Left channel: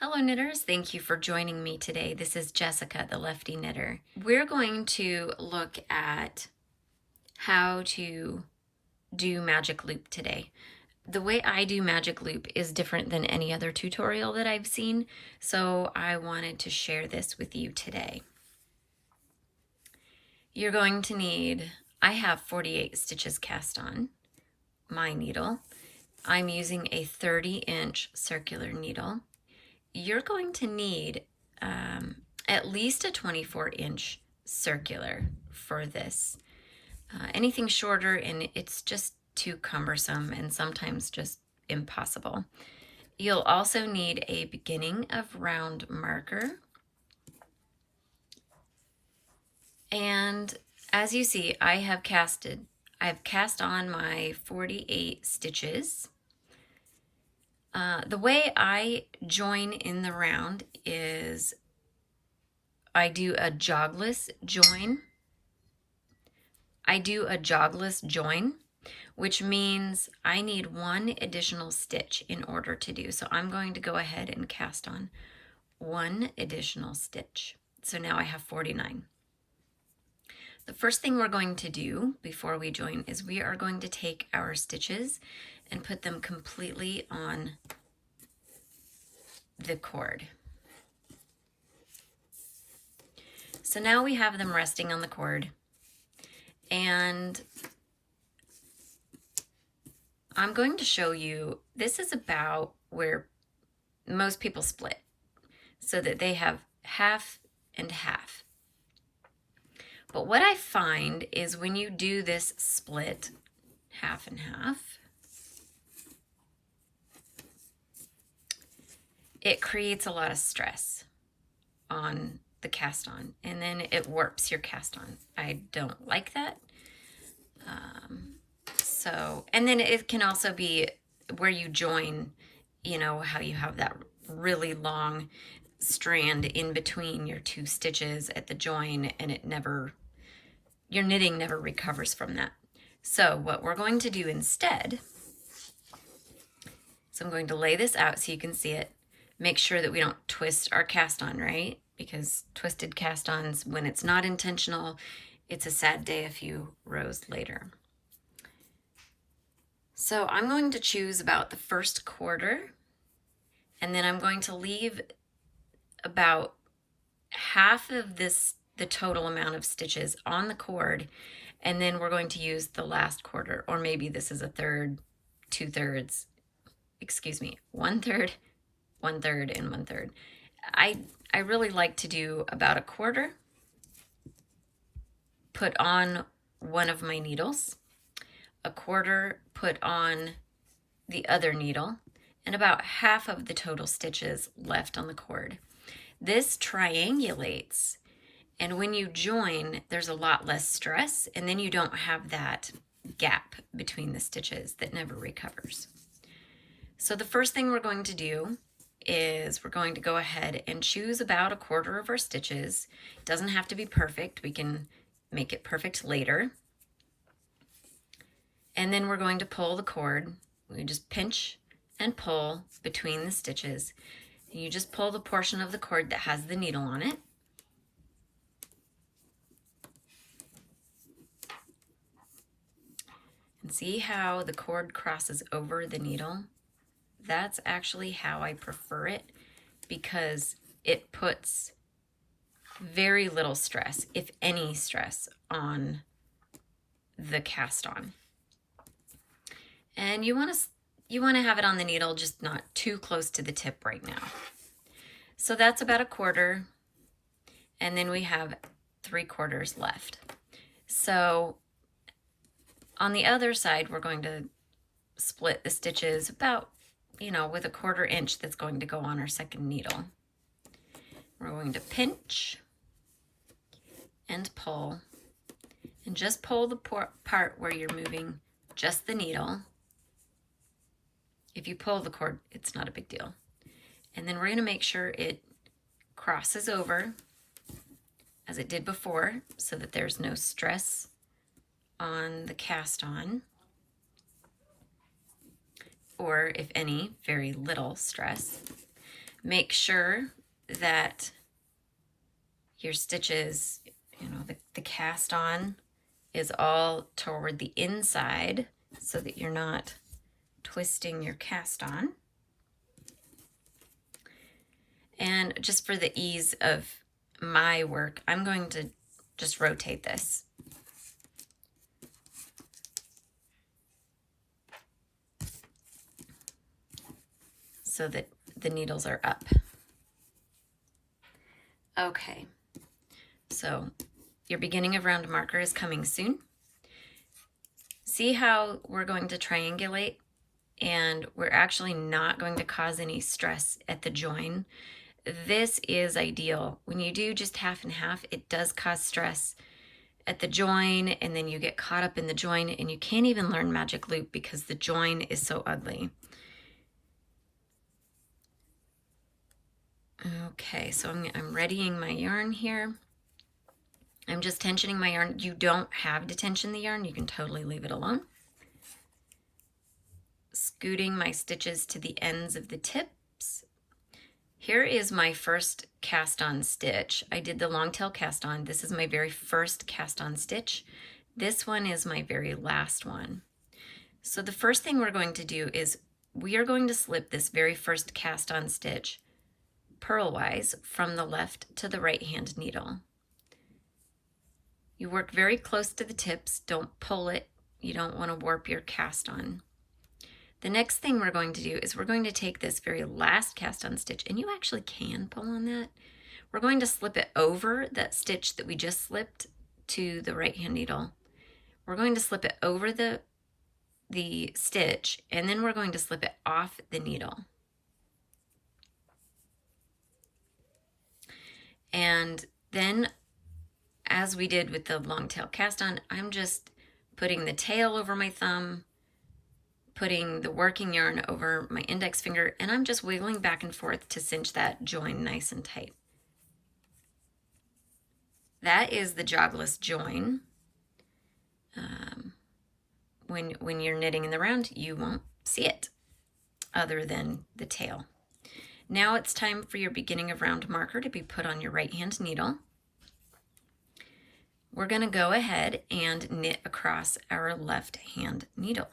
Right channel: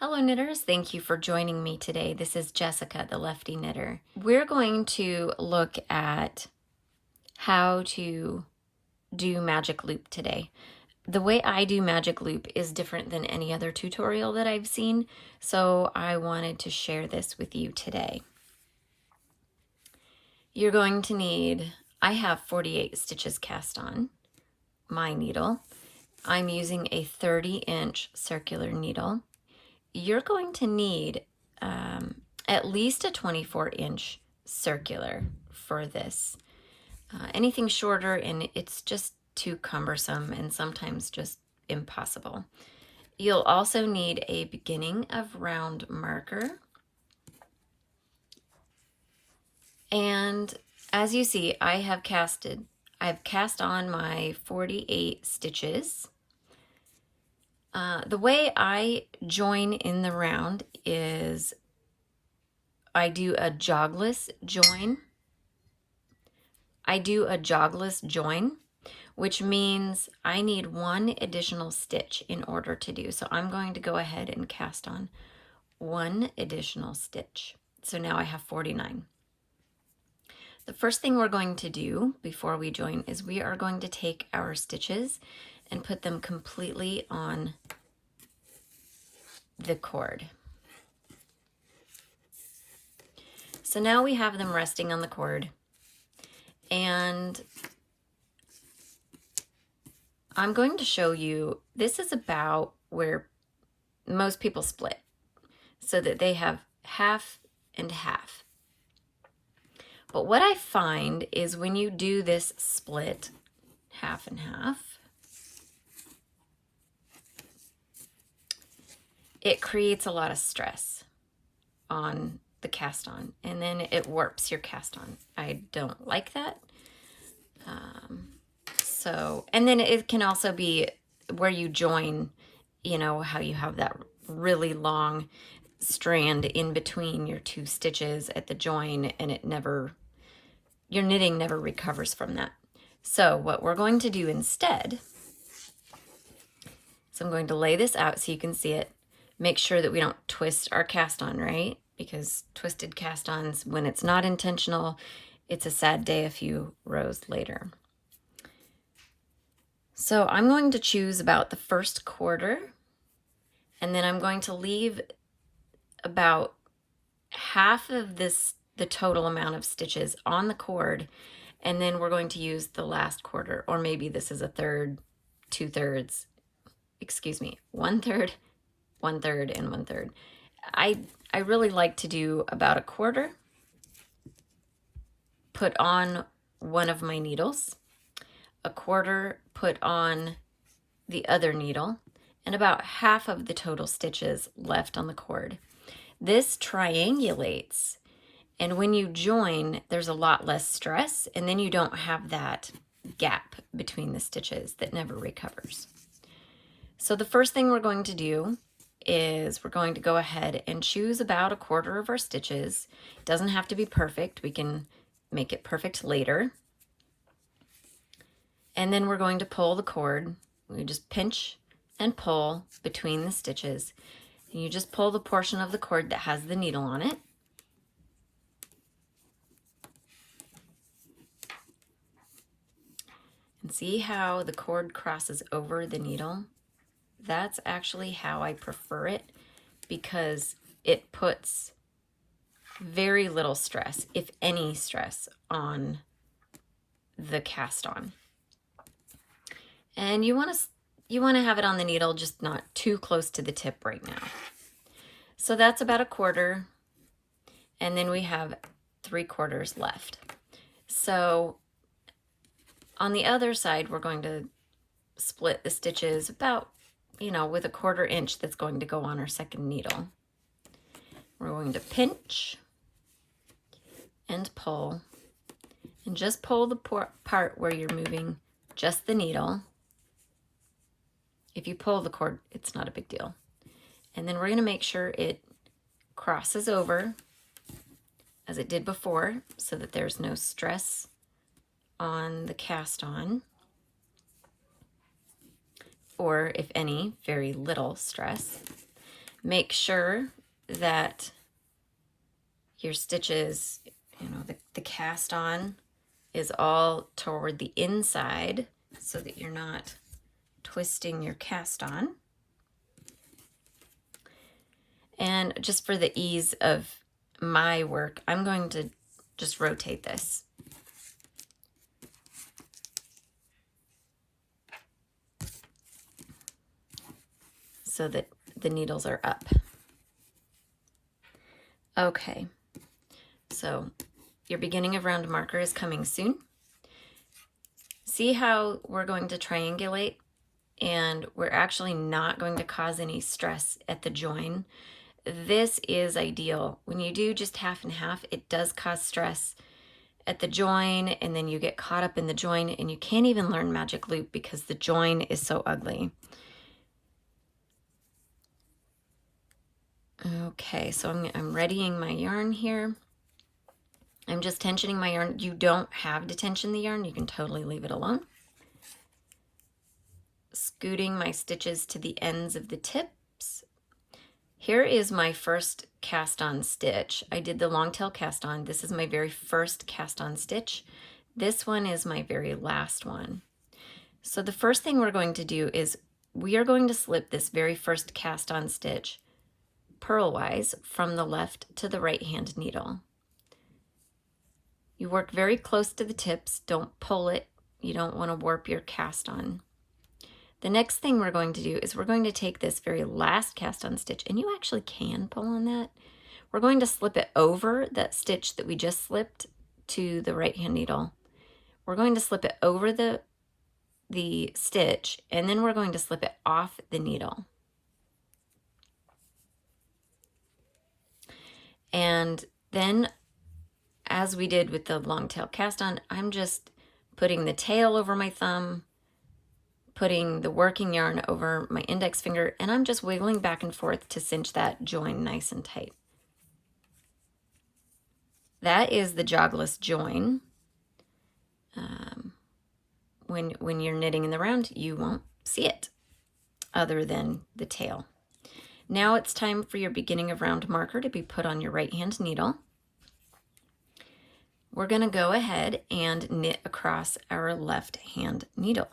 Hello knitters, thank you for joining me today. This is Jessica, the Lefty Knitter. We're going to look at how to do magic loop today. The way I do magic loop is different than any other tutorial that I've seen, so I wanted to share this with you today. You're going to need, I have 48 stitches cast on my needle. I'm using a 30-inch circular needle. You're going to need at least a 24-inch circular for this. Anything shorter and it's just too cumbersome and sometimes just impossible. You'll also need a beginning of round marker. And as you see, I've cast on my 48 stitches. The way I join in the round is I do a jogless join. Which means I need one additional stitch in order to do. So I'm going to go ahead and cast on one additional stitch. So now I have 49. The first thing we're going to do before we join is we are going to take our stitches and put them completely on the cord. So now we have them resting on the cord, and I'm going to show you, this is about where most people split, so that they have half and half. But what I find is when you do this split, half and half, it creates a lot of stress on the cast on, and then it warps your cast on. I don't like that. And then it can also be where you join, you know, how you have that really long strand in between your two stitches at the join, and your knitting never recovers from that. So what we're going to do instead, so I'm going to lay this out so you can see it. Make sure that we don't twist our cast on, right? Because twisted cast ons, when it's not intentional, it's a sad day a few rows later. So I'm going to choose about the first quarter, and then I'm going to leave about half of the total amount of stitches on the cord, and then we're going to use the last quarter, or maybe this is a third, 2/3, excuse me, 1/3, 1/3, and 1/3. I really like to do about a quarter, put on one of my needles, a quarter put on the other needle, and about half of the total stitches left on the cord. This triangulates, and when you join, there's a lot less stress, and then you don't have that gap between the stitches that never recovers. So the first thing we're going to do is we're going to go ahead and choose about a quarter of our stitches. It doesn't have to be perfect. We can make it perfect later. And then we're going to pull the cord. We just pinch and pull between the stitches. And you just pull the portion of the cord that has the needle on it. And see how the cord crosses over the needle? That's actually how I prefer it, because it puts very little stress, if any stress, on the cast on. And you want to have it on the needle, just not too close to the tip right now. So that's about a quarter, and then we have 3/4 left. So on the other side, we're going to split the stitches about, you know, with a 1/4 inch that's going to go on our second needle. We're going to pinch and pull, and just pull the part where you're moving just the needle. If you pull the cord, it's not a big deal. And then we're going to make sure it crosses over as it did before, so that there's no stress on the cast on, or if any, very little stress. Make sure that your stitches, you know, the cast on is all toward the inside so that you're not twisting your cast on. And just for the ease of my work, I'm going to just rotate this. So that the needles are up. Okay, so your beginning of round marker is coming soon. See how we're going to triangulate, and we're actually not going to cause any stress at the join. This is ideal. When you do just half and half, it does cause stress at the join, and then you get caught up in the join, and you can't even learn magic loop because the join is so ugly. Okay, so I'm readying my yarn here. I'm just tensioning my yarn. You don't have to tension the yarn. You can totally leave it alone. Scooting my stitches to the ends of the tips. Here is my first cast on stitch. I did the long tail cast on. This is my very first cast on stitch. This one is my very last one. So the first thing we're going to do is we are going to slip this very first cast on stitch purlwise from the left to the right hand needle. You work very close to the tips. Don't pull it. You don't want to warp your cast on. The next thing we're going to do is we're going to take this very last cast on stitch, and you actually can pull on that. We're going to slip it over that stitch that we just slipped to the right hand needle. We're going to slip it over the stitch, and then we're going to slip it off the needle. And then, as we did with the long tail cast on, I'm just putting the tail over my thumb, putting the working yarn over my index finger, and I'm just wiggling back and forth to cinch that join nice and tight. That is the jogless join. When you're knitting in the round, you won't see it other than the tail. Now it's time for your beginning of round marker to be put on your right hand needle. We're going to go ahead and knit across our left hand needle.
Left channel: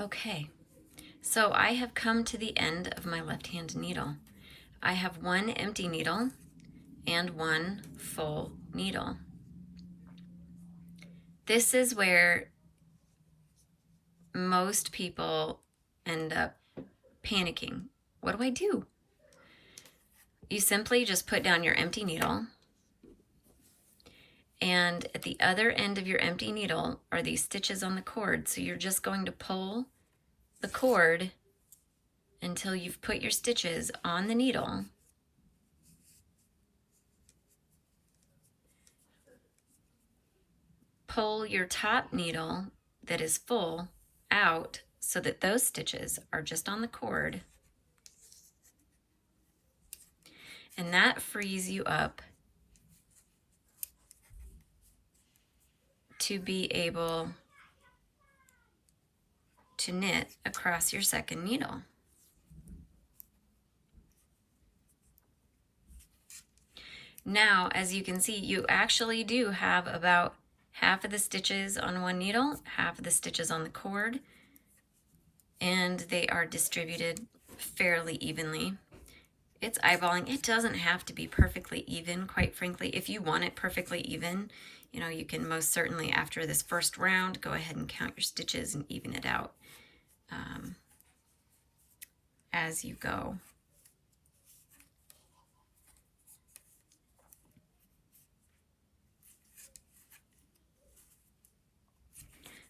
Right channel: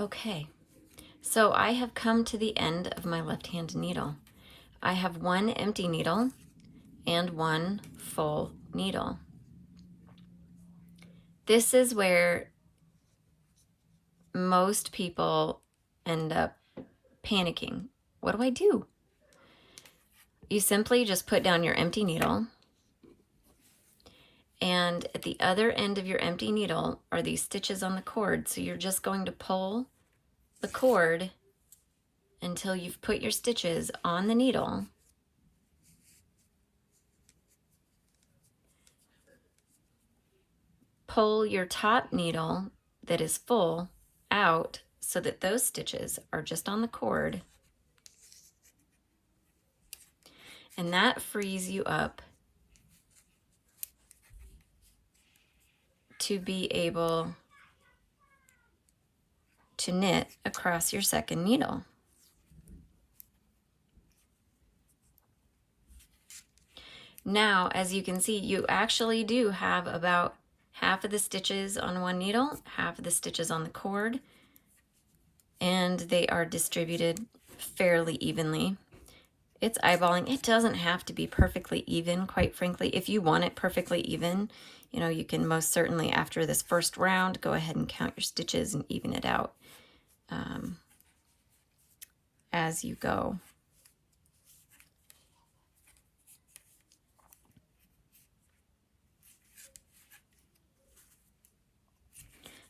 Okay, so I have come to the end of my left hand needle. I have one empty needle and one full needle. This is where most people end up panicking. What do I do? You simply just put down your empty needle, and at the other end of your empty needle are these stitches on the cord. So you're just going to pull the cord until you've put your stitches on the needle. Pull your top needle that is full out so that those stitches are just on the cord. And that frees you up to be able to knit across your second needle. Now, as you can see, you actually do have about half of the stitches on one needle, half of the stitches on the cord, and they are distributed fairly evenly. It's eyeballing. It doesn't have to be perfectly even, quite frankly. If you want it perfectly even, you know, you can most certainly, after this first round, go ahead and count your stitches and even it out. as you go.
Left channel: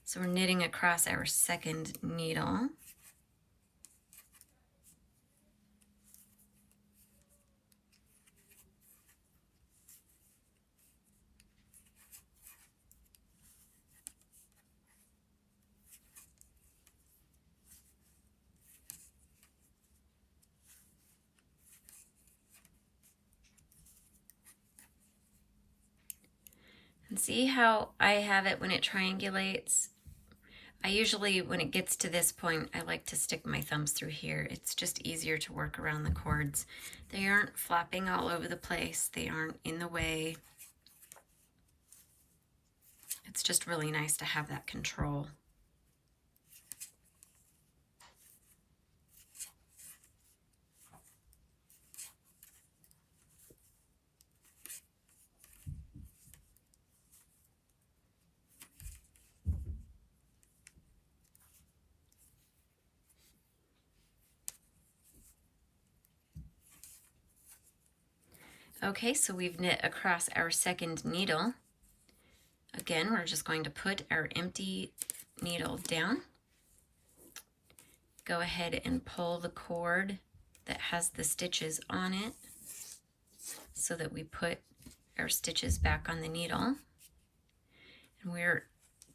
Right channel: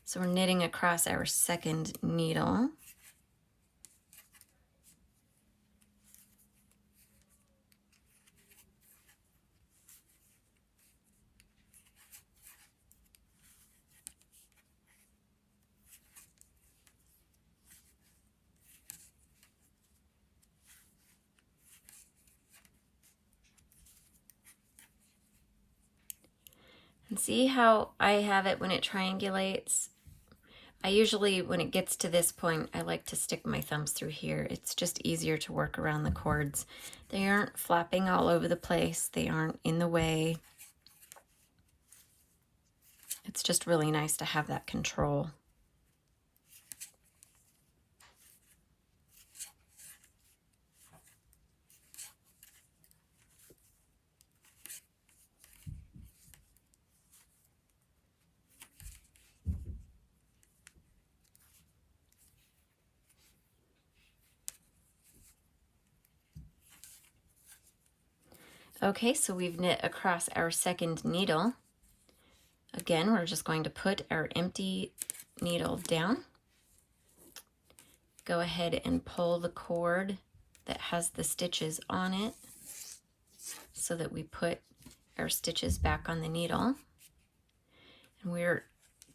So we're knitting across our second needle. And see how I have it when it triangulates? I usually, when it gets to this point, I like to stick my thumbs through here. It's just easier to work around the cords. They aren't flapping all over the place. They aren't in the way. It's just really nice to have that control. Okay, so we've knit across our second needle. Again, we're just going to put our empty needle down. Go ahead and pull the cord that has the stitches on it so that we put our stitches back on the needle. And we're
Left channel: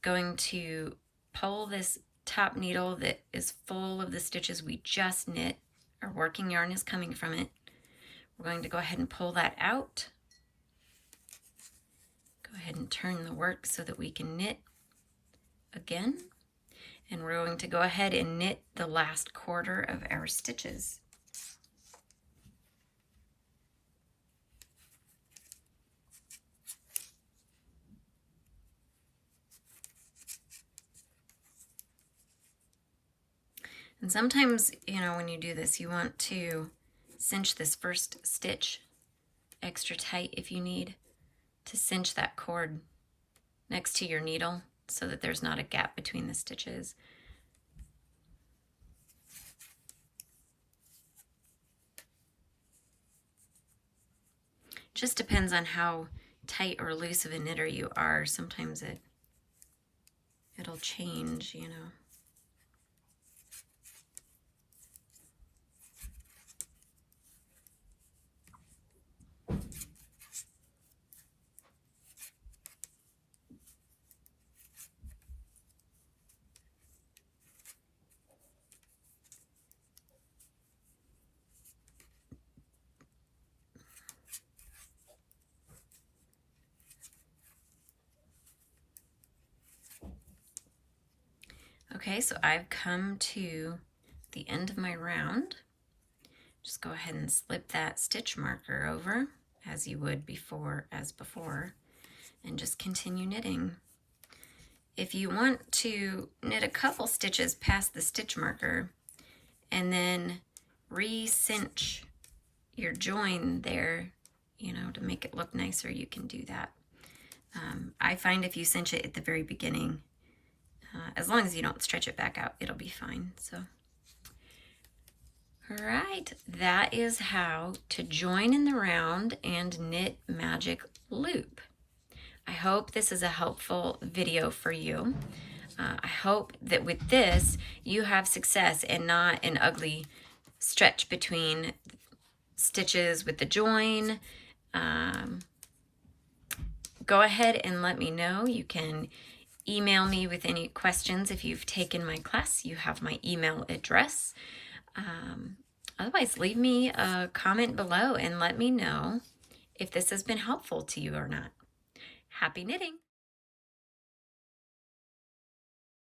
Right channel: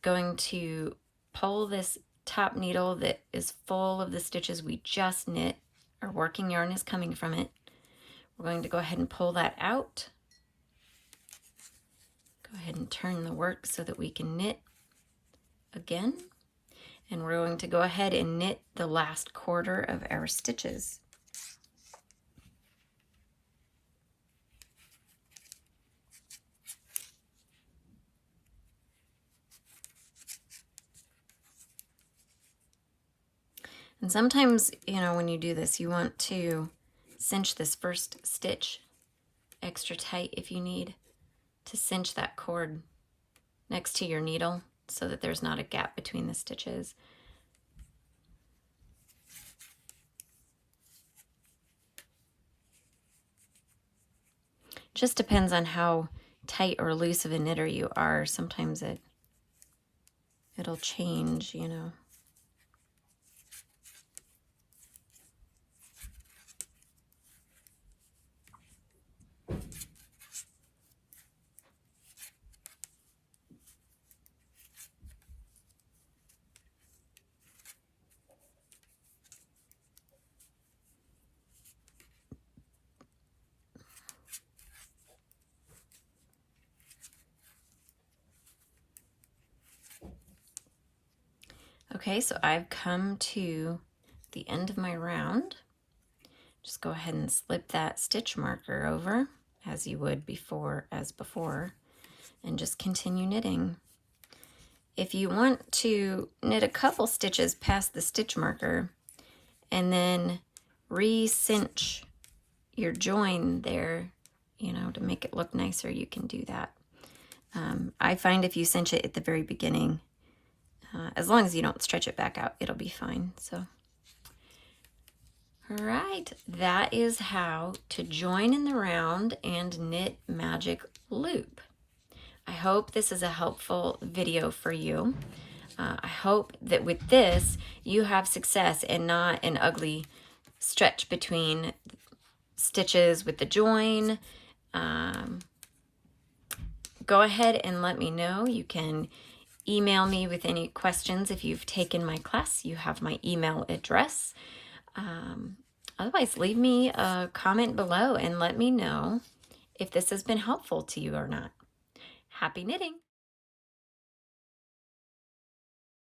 going to pull this top needle that is full of the stitches we just knit. Our working yarn is coming from it. We're going to go ahead and pull that out. Go ahead and turn the work so that we can knit again. And we're going to go ahead and knit the last quarter of our stitches. And sometimes, you know, when you do this, you want to cinch this first stitch extra tight if you need to cinch that cord next to your needle so that there's not a gap between the stitches. Just depends on how tight or loose of a knitter you are. Sometimes it'll change, you know. Okay, so I've come to the end of my round. Just go ahead and slip that stitch marker over as you would before, and just continue knitting. If you want to knit a couple stitches past the stitch marker and then re-cinch your join there, you know, to make it look nicer, you can do that. I find if you cinch it at the very beginning, as long as you don't stretch it back out, it'll be fine. So, all right, that is how to join in the round and knit magic loop. I hope this is a helpful video for you. I hope that with this, you have success and not an ugly stretch between stitches with the join. Go ahead and let me know. You can email me with any questions. If you've taken my class, you have my email address. Otherwise, leave me a comment below and let me know if this has been helpful to you or not. Happy knitting!